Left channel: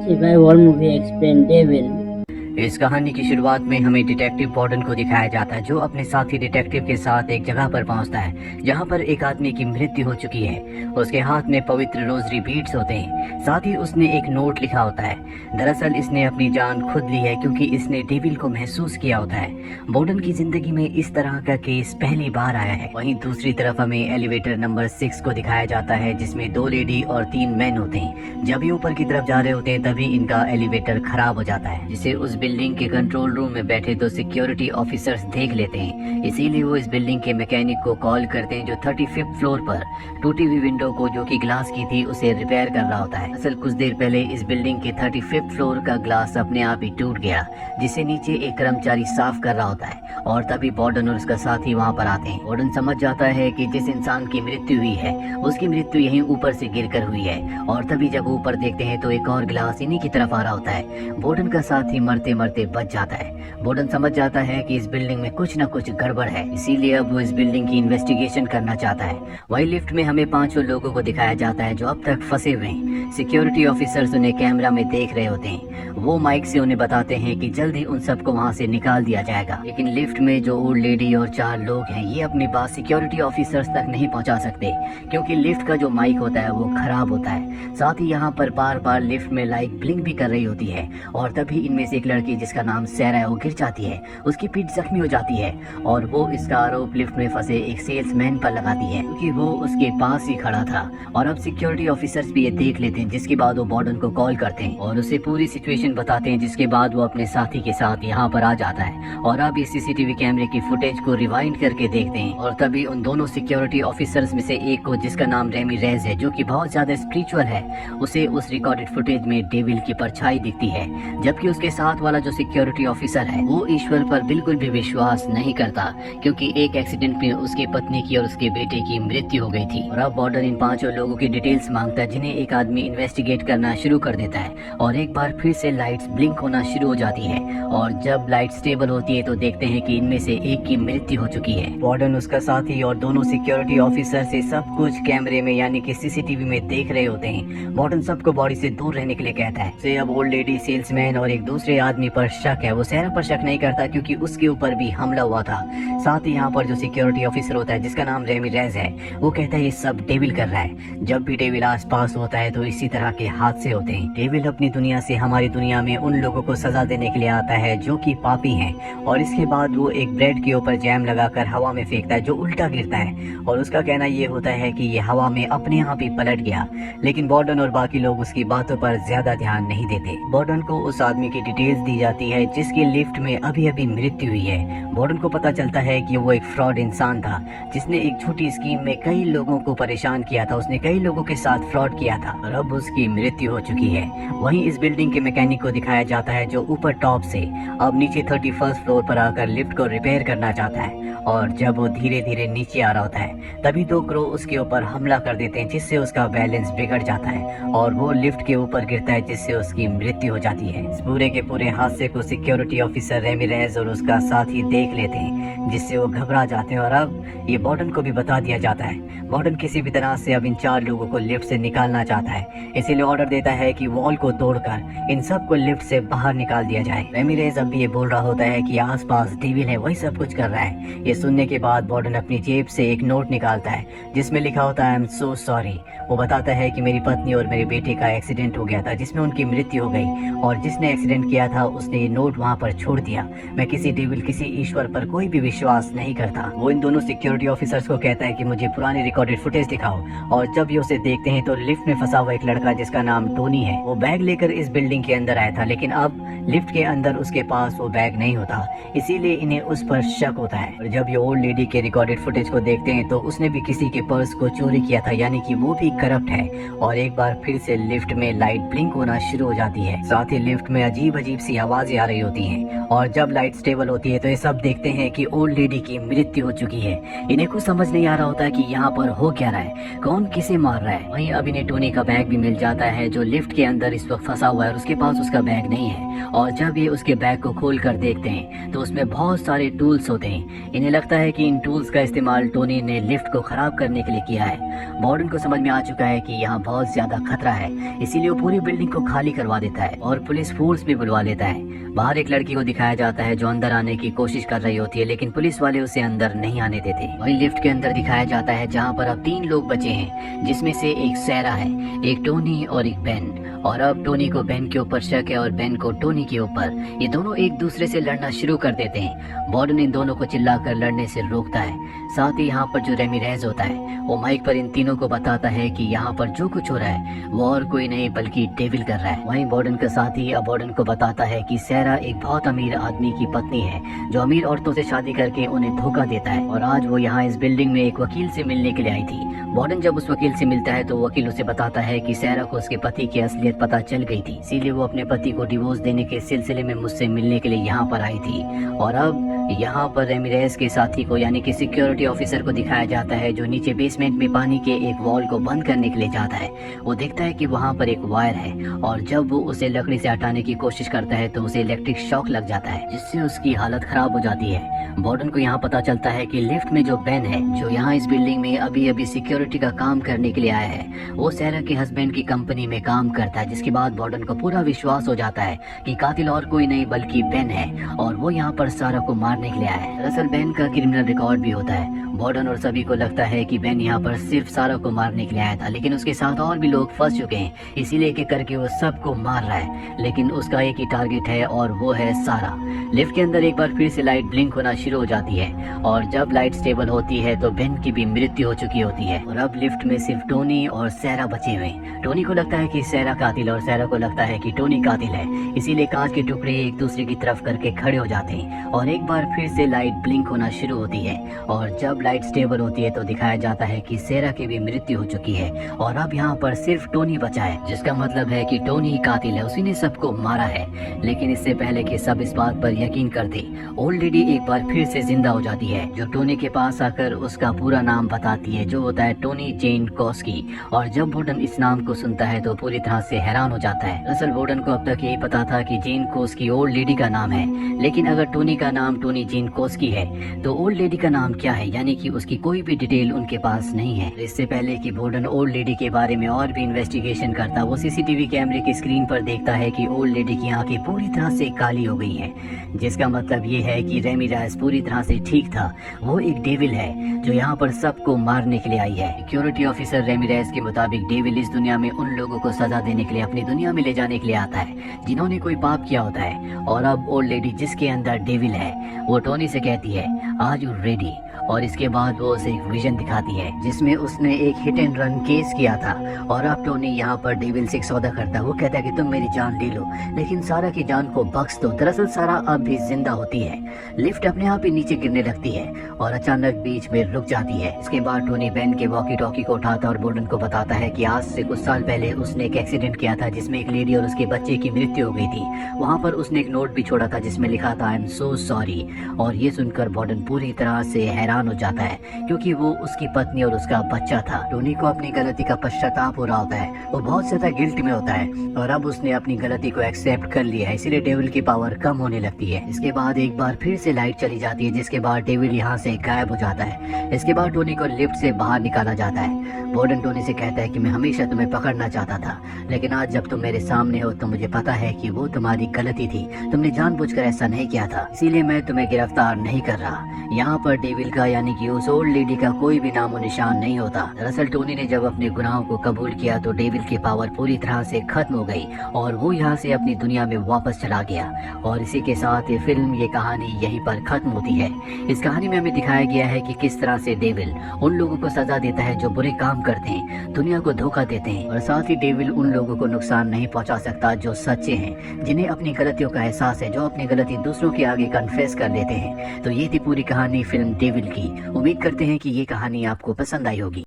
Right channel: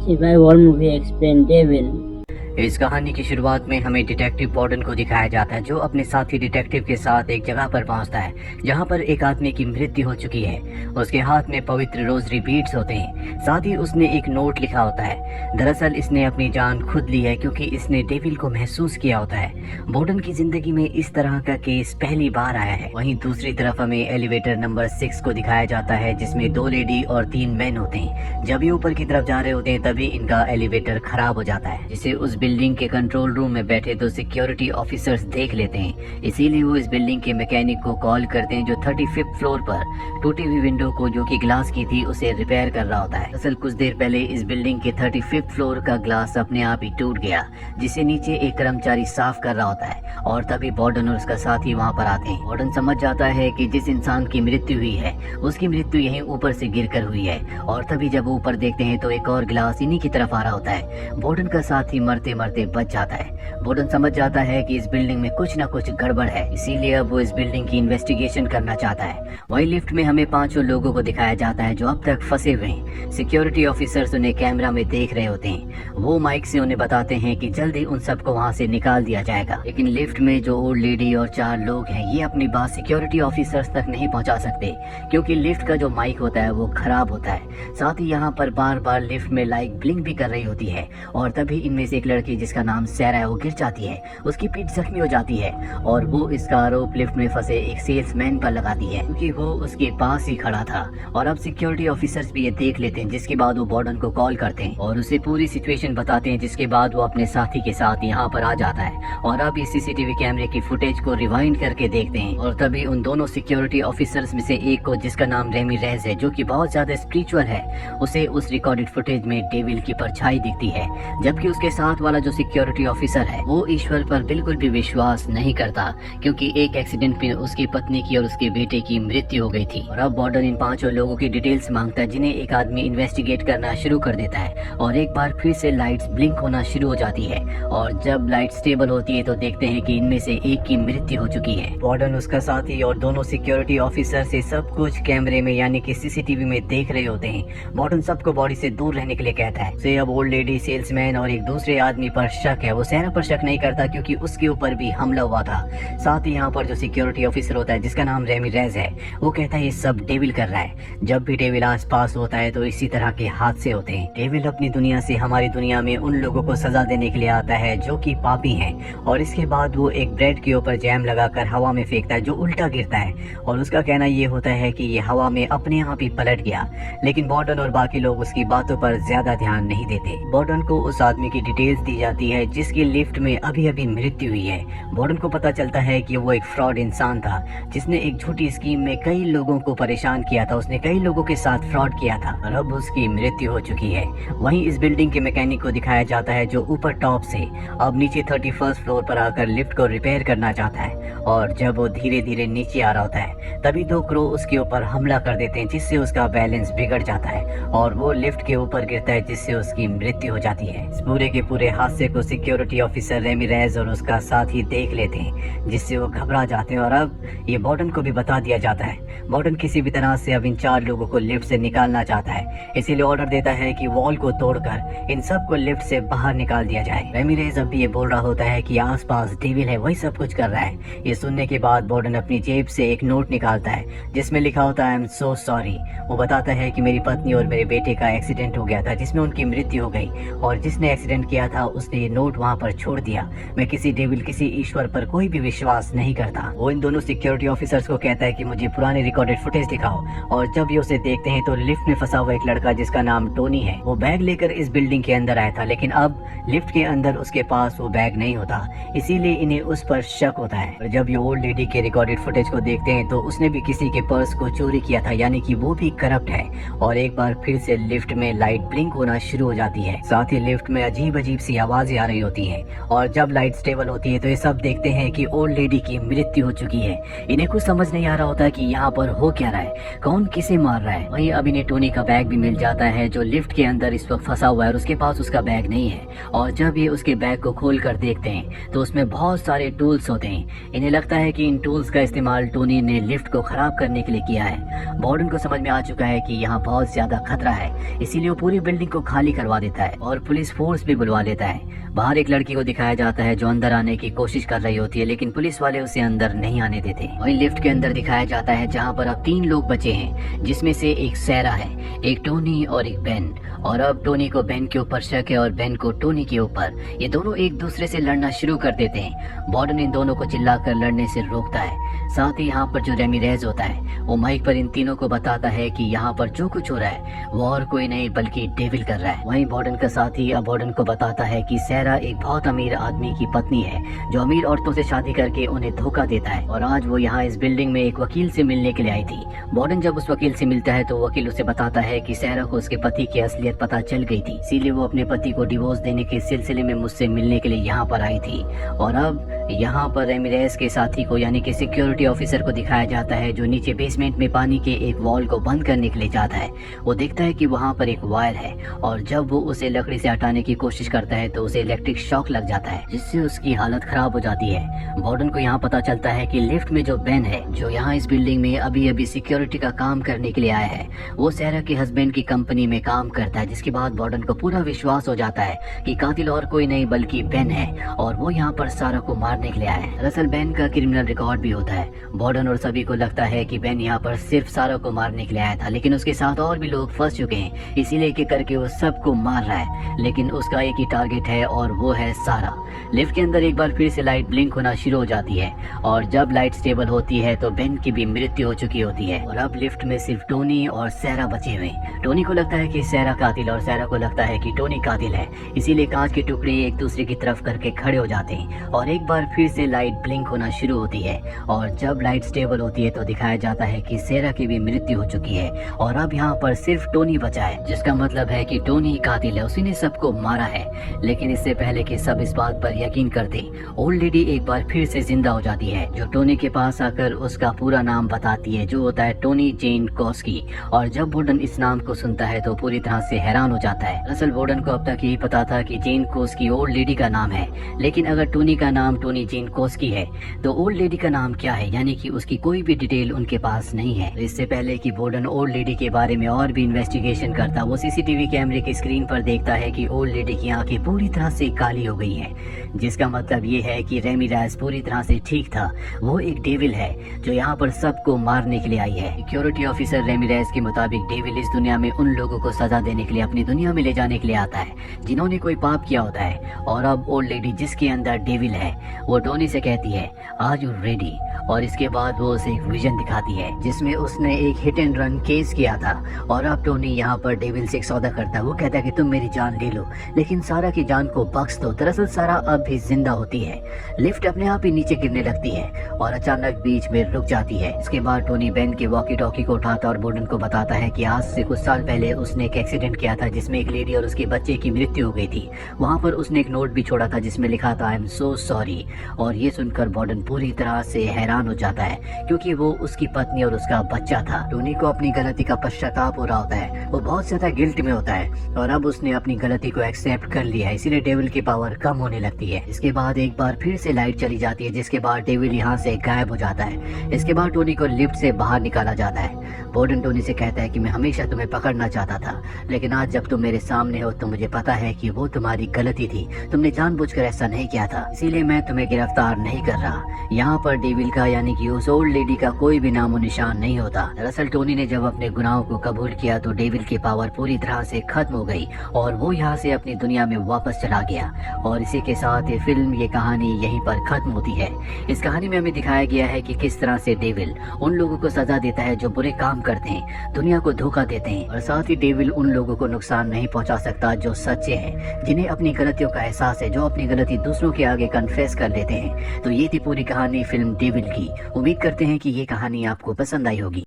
Survival movie explain devil. इस कहानी की शुरुआत में हमें डिटेक्टिव बॉर्डन को दिखाया जाता है, जो अपने साथी डिटेक्टिव के साथ एक जगह पर पहुंचता है जहां पर एक आदमी की मृत्यु हो चुकी है। उसके हाथ में पवित्र रोजरी बीड्स होते हैं, साथ ही उसने एक नोट लिखा होता है। दरअसल इसने अपनी जान खुद ली है क्योंकि इसने डेविल को महसूस किया होता है। बॉर्डन की जिंदगी में इस तरह का केस पहली बार आया है। वहीं दूसरी तरफ हमें एलिवेटर नंबर 6 को दिखाया जाता है, जिसमें 2 लेडी और 3 मैन होते हैं। जब ये ऊपर की तरफ जा रहे होते हैं तभी इनका एलिवेटर खराब हो जाता है, जिसे उस बिल्डिंग के कंट्रोल रूम में बैठे तो सिक्योरिटी ऑफिसर्स देख लेते हैं। इसीलिए वो इस बिल्डिंग के मैकेनिक को कॉल करते हैं, जो 35th फ्लोर पर टूटी हुई विंडो को, जो कि ग्लास की थी, उसे रिपेयर कर रहा होता है। असल कुछ देर पहले इस बिल्डिंग के 35th फ्लोर का ग्लास अपने आप ही टूट गया, जिसे नीचे एक कर्मचारी साफ कर रहा होता है, और तभी बॉर्डन और उसका साथी वहाँ पर आते हैं। बॉर्डन समझ जाता है कि जिस इंसान की मृत्यु हुई है उसकी मृत्यु यहीं ऊपर से गिरकर हुई है, और तभी जब वो ऊपर देखते हैं तो एक और ग्लास इन्हीं की तरफ आ रहा होता है। बॉर्डन का साथी मरते मरते बच जाता है। बॉर्डन समझ जाता है कि इस बिल्डिंग में कुछ न कुछ गड़बड़ है, इसीलिए अब वो इस बिल्डिंग की इन्वेस्टिगेशन करना चाहता है। वही लिफ्ट में हमें 5 लोगों को दिखाया जाता है जो अब तक फंसे हुए हैं। सिक्योरिटी ऑफिसर्स उन्हें कैमरा में देख रहे होते हैं। वो माइक से उन्हें बताते हैं कि जल्दी उन सबको वहाँ से निकाल दिया जाएगा, लेकिन लिफ्ट में जो ओल्ड लेडी और 4 लोग हैं, ये अपनी बात सिक्योरिटी ऑफिसर्स तक नहीं पहुँचा सकते क्योंकि लिफ्ट का जो माइक होता है वो खराब होता है। साथ ही यहाँ पर बार बार लिफ्ट में लाइट ब्लिंक भी कर रही होती है, और तभी इनमें से एक लड़की जिसका नाम सैरा है वो गिर जाती है। उसकी पीठ जख्मी हो जाती है और वो इसका आरोप लिफ्ट में फंसे एक सेल्समैन पर लगाती है क्योंकि वो उसके पास ही खड़ा था। और अब सिक्योरिटी ऑफिसर्स भी ये देख लेते हैं, जिसके बाद वो बॉर्डन को कॉल करते हैं और उसे पूरी सिचुएशन बताते हैं, जिसके बाद वो अपने साथी के साथ यहाँ पर आ जाता है। और अब इस सीसीटीवी कैमरे की फुटेज को रिवाइंड करके देखते हैं, और तभी उन दोनों सिक्योरिटी ऑफिसर्स में से एक को, जिसका नाम रेमी रेज है, जो कि बहुत ज्यादा स्पिरिचुअल है, उसे उस रिकॉर्डेड फुटेज में डेविल की परछाई दिखती है। जबकि उसके साथ वाला जो सिक्योरिटी ऑफिसर है वो ईश्वर पर बिल्कुल भी विश्वास नहीं करता, क्योंकि एक एक्सीडेंट में उसकी पत्नी की और उसके बेटे की मृत्यु हो गई थी। और अब बॉर्डन इन 5 लोगों की डिटेल्स मांगता है, जिन्हें एक आदमी इन्वेस्टिगेट करना शुरू कर देता है, और एक बार फिर से लाइट्स ब्लिंक होना शुरू हो जाती है। और जब लाइट स्टेबल होती है तो देखते हैं कि इनमें से एक की मृत्यु हो चुकी है। बॉर्डन, उसका साथी और दोनों सिक्योरिटी ऑफिसर से सब कुछ कैमरे में यानी कि सीसीटीवी में देख रहे होते हैं। बॉर्डन सबको बॉडी से दूर रहने के लिए कहता है। से अब ओल्ड लेडी, सेल्समैन और एक दूसरे आदमी पर शक है। वो सैरा पर शक नहीं करता क्योंकि उसके ऊपर भी हमला हुआ था। साथ ही यहाँ पर जो सिक्योरिटी ऑफिसर होता है, जिसका नाम रेमी रेज है, वो कहता है ये सब डेविल कर रहा है। जब भी डेविल आस पास होता है तो इसी तरह के हादसे होते हैं। डेविल अपनी दुनिया से हमारी दुनिया में उन लोगों को सजा देने के लिए आता है जो कि पापी हैं, और इसके बाद वो एक ब्रेड के ऊपर जैम लगाकर हवा में फेंकता है, जो उल्टा गिरता है, और उसका कहना ये होता है कि ये हवा में अपने आप ही पलट गया। लेकिन बॉर्डन और बाकी लोग उसकी बातों पर ज्यादा ध्यान नहीं देते। बॉर्डन को उस आदमी की डिटेल्स दी जाती है जिसकी लिफ्ट में अभी अभी मृत्यु हुई है। बॉर्डन को पता चलता है कि वो एक फ्रॉड इंसान था, जिसने एक छोटी स्कीम में कई लोगों को परेशान किया था। उसने कई लोगों के साथ फ्रॉड किया था और अब उसकी मृत्यु हो चुकी है। वहीं इस बिल्डिंग के मैकेनिक को दिखाया जाता है, जो ऊपर टॉप से अब नीचे 31st फ्लोर पर आकर लिफ्ट को रिपेयर करना चाहता है। और जब वो धीरे धीरे नीचे आ रहा होता है तभी तो क्रू उसके ऊपर हमला कर देते हैं, जिससे उसका बैलेंस बिगड़ जाता है और वो लिफ्ट के ऊपर गिरता है, जिससे उसकी मृत्यु हो जाती है। इस पूरे के पूरे हादसे को सिक्योरिटी ऑफिसर रेमी रेज और उसका साथी देख लेते हैं, जिससे वो घबरा जाते हैं। और अब ये बॉर्डन को भी बता दिया जाता है। बॉर्डन किसी भी तरह से अब इन 4 लोगों को लिफ्ट से निकालना चाहता है, इसीलिए ऑर्डर देता है कि वॉल को तोड़कर इन सबको लिफ्ट से बाहर निकाल दिया जाए। रेमी रेज अब भी ये बोल रहा होता है कि आसपास डेविल है, वही सब कुछ कर रहा है। ये सुनने के बाद बॉर्डन अपनी जेब से एक नोट निकालता है, जिसमें लिखा होता है आई एम सो सॉरी। वो बताता है कि मेरी पत्नी और मेरे बेटे का एक्सीडेंट हो गया था, जिसमें उनकी मृत्यु हो गई, और जिसने एक्सीडेंट किया था उसने ये नोट वहाँ पर छोड़ दिया। मैं किसी डेविल, किसी ईश्वर पर कोई भी विश्वास नहीं करता। वो इन दोनों सिक्योरिटी ऑफिसर्स को कहता है कि मुझे पुरानी रिकॉर्डेड फुटेज दिखाओ, और जब ये उसे देखते हैं तो लिफ्ट में फंसा हुआ एक लड़का, जिसका नाम टोनी है, वो बैग लेकर इस बिल्डिंग के अंदर आया था, लेकिन अब लिफ्ट के अंदर उसके पास वो बैग नहीं होता, इसीलिए इन्हें उस पर शक होता है। और जब ये ओल्ड लेडी के रिकॉर्डेड फुटेज को देखते हैं तो उसने भी किसी के पर्स को चोरी किया था, यानी कि वो भी करप्ट है। और एक बार फिर से लिफ्ट में लाइट ब्लिंक होना शुरू हो जाती है, साथ ही लिफ्ट में अजीब अजीब सी आवाजें आ रही होती हैं। और जब लाइट स्टेबल होती है तो ये सब देखते हैं कि ओल्ड लेडी की मृत्यु हो चुकी है। इन्हें कुछ समझ नहीं आ रहा होता कि यहाँ पर हो क्या रहा है, कौन किसे मार रहा है। वहीं अब इन्हें टोनी का बैग भी मिल जाता है, जो लिफ्ट के अंदर इस वक्त फंसा हुआ है, और उसके पास उसका बैग नहीं है। और जब ये उसके बैग को खोल कर देखते हैं तो उसमें बहुत सारे टूल्स होते हैं। इन्हें लगता है कि इन टूल्स का इस्तेमाल टोनी ने लिफ्ट को खराब करने के लिए किया है। वार्डन को समझ में आ चुका है कि यहाँ बहुत ज्यादा खतरा है, इसीलिए वो पूरी बिल्डिंग को खाली करवा देता है और पुलिस फोर्स भी बुलवा लेता है। बाहर एक लड़की को दिखाया जाता है जो अंदर आने की कोशिश कर रही होती है, लेकिन पुलिस वाले उसे अंदर नहीं आने देते। वही लिफ्ट के अंदर दिखाया जाता है जहाँ पर अब 3 लोग बचे हैं, जिसमें से एक सैरा है, एक टोनी और एक बेन। और अब टोनी को बेन के ऊपर शक है और बेन को टोनी के ऊपर। ये दोनों एक दूसरे से लड़ना शुरू कर देते हैं। वार्डन इन दोनों को चिल्लाकर लड़ने से रोकता है। साथ ही यहाँ पर जो रेमिरेज होता है वो माइक पर इन तीनों को बताता है कि यहाँ पर जो कुछ हो रहा है वो और कोई नहीं बल्कि डेविल कर रहा है। वहीं वार्डन का साथी अब वार्डन को बताता है कि सैरा एक बहुत अमीर आदमी की पत्नी है जो अमीर औरतों से शादी करके उन्हें धोखा देता है, और आज वो यहाँ इस बिल्डिंग में एक वकील से मिलने के लिए आई थी। वार्डन जब उस वकील से मिलता है तो वकील उसे बताता है कि सैरा को उसके पति की असलियत पता चल गई थी, इसीलिए वो अपने पति को डिवोर्स देने के सिलसिले में मुझसे मिलने के लिए यहाँ पर आई थी। और अब यहाँ पर रेमिरेज के साथी को यानी कि सिक्योरिटी ऑफिसर को दिखाया जाता है जो नीचे बेसमेंट में पानी के एक वॉल को बंद करने के लिए जाता है। वो देखता है कि वहाँ पर एक वायर है और जब वो उसे लकड़ी से हटाने की कोशिश करता है तो उसे इलेक्ट्रिक शॉक लग जाता है, जिससे उसकी हालत खराब हो जाती है। वार्डन को यहाँ पता चलता है कि लिफ्ट में जो बेन है जो यहाँ इस बिल्डिंग में अभी अभी सिक्योरिटी का काम करने के लिए आया है, वो सैरा के हस्बैंड की कंपनी में काम करता है। जिसके बाद वार्डन को पूरा विश्वास हो जाता है कि कातिल और कोई नहीं बल्कि बेन है और वो यहाँ पर सारा को मारने के लिए आया है। दरअसल बेन का क्रिमिनल रिकॉर्ड भी होता है। वार्डन और सभी को लगता है कि बेन यहाँ पर सिर्फ सारा को मारने के लिए आया था, लेकिन उसके साथ और भी लोग फंस चुके हैं, इसीलिए एक एक करके वो सबको मार रहा है। लेकिन उसका एक ही टारगेट है और वो है सारा। लिफ्ट के अंदर एक बार फिर से लाइट ब्लिंक होना शुरू हो जाती है और जब लाइट स्टेबल होती है तो बेन की भी मृत्यु हो चुकी होती है और अब लिफ्ट में सिर्फ टोनी और सैरा बचे हुए। टोनी को लगता है कि सैरा कातिल और सैरा को लगता है कि टोनी कातिल है, इसीलिए कांच के टुकड़े एक दूसरे की तरफ करके खड़े हो जाते हैं और एक बार फिर से लाइट ब्लिंक होना शुरू होती है। और जब लाइट स्टेबल होती है तो दिखाया जाता है कि सैरा की भी मृत्यु हो चुकी है और अब यहाँ पर सिर्फ टोनी बचा है, जिसका मतलब है कि टोनी कातिल है, उसी ने सबको मारा है। लेकिन इससे पहले कि सब इस बात पर यकीन कर दें, ओल्ड लेडी एक बार फिर से जिंदा हो जाती है, जो टोनी के पास आकर उसका पूरा नाम बताती है, जो होता है टोनी जेन कॉस्की। और जब वार्डन इस नाम को सुनता है तो पूरी तरह से हैरान हो जाता है। दरअसल वार्डन को अब तक यही पता था कि जेन कॉस्की ओल्ड लेडी का नाम है, लेकिन अगर टोनी का नाम टोनी जेन कॉस्की है तो ओल्ड लेडी का नाम क्या है, यानी कि उसकी कोई भी डिटेल उनके पास नहीं है। इससे पहले कि वार्डन ओल्ड लेडी के बारे में और भी इन्वेस्टिगेशन करता, वो सीसीटीवी कैमरे की स्क्रीन पर देखता है कि ओल्ड लेडी की आंखें पूरी तरह से काली हो गई है, जिसका मतलब ये है कि रेमिरेज पूरी तरह से ठीक था। वो एक डेविल है जो यहाँ पर सबको मारने के लिए आई है। सिक्योरिटी ऑफिसर रेमिरेज के मुताबिक डेविल इस दुनिया में उन लोगों को सजा देने के लिए अपनी दुनिया में ले जाने के लिए आता है जिन्होंने कोई पाप किया होता है। और अब ओल्ड लेडी जिसके अंदर डेविल है वो टोनी से कहती है आर यू रेडी, और इसके बाद वो उसे एक विजन दिखाती है जिसमें उसने एक हिट एंड रन केस किया था और अब टोनी यहाँ पर डेविल से एक सौदा करता है। वो कहता है कि तुम मेरी जान ले लो लेकिन सारा की जान को बख्श दो। दरअसल सारा अब भी जिंदा होती है। लिफ्ट अपने आप ही नीचे गिरने लगती है और अचानक बीच में रुक जाती है। इसके बाद टोनी बेन के वॉकी टॉकी को उठाता और वार्डन को बताता है कि आज से कुछ साल पहले उसने एक एक्सीडेंट किया था जिसमें एक लेडी और उसके बच्चे की मृत्यु हो गई थी। वहाँ पर उसने एक नोट भी छोड़ा था जिसमें लिखा था आई एम सो सॉरी। और ये सुनकर वार्डन पूरी तरह से हैरान हो जाता है क्योंकि वो उसकी पत्नी और उसका बच्चा था। टोनी को अपनी गलती का पश्चाताप हो रहा होता है, वो बहुत ज्यादा गिल्ट में होता है और अब उसने अपनी गलती को एक्सेप्ट कर लिया है, इसीलिए डेविल की पावर कम होने लगती है। इसके बाद एक बार फिर से लाइट चली जाती है जिसके बाद डेविल यहाँ से गायब हो जाता है। इसके बाद टोनी को लिफ्ट से बाहर निकाला जाता है। वार्डन टोनी से कहता है कि मैं हमेशा तुम्हें पकड़ना चाहता था, लेकिन आज जब तुम मेरे सामने हो तो मुझे पता है कि वो तुम्हारी गलती थी, तुमने जानबूझकर ऐसा नहीं किया था, इसीलिए मैं तुम्हें गिरफ्तार नहीं कर रहा। यहाँ पर डेविल का यानी कि उस ओल्ड लेडी का कोई भी नामो निशान नहीं होता। दरअसल टोनी ने जब अपने गुनाहों को कबूल किया तो डेविल की पावर पूरी तरह से खत्म हो गई और वो यहाँ से अपनी दुनिया में वापस चला गया। और इसी के साथ ये फिल्म, ये कहानी यहीं पर खत्म होती है। इस कहानी में हमें दिखाया गया है कि किस तरह से डेविल उन लोगों को सजा देता है जो बुरे काम करते हैं, दुनिया को धोखा देते हैं, और साथ ही डेविल उन लोगों को नुकसान नहीं पहुंचा सकता जो सच्चे हैं, जिन्हें अपनी गलतियों का एहसास है, जो अपनी गलती दूसरों के आगे कन्फेस कर लेते हैं। तो ये थी पूरी कहानी फिल्म डेविल की। उम्मीद करते हैं कि ये कहानी आपको पसंद आई होगी।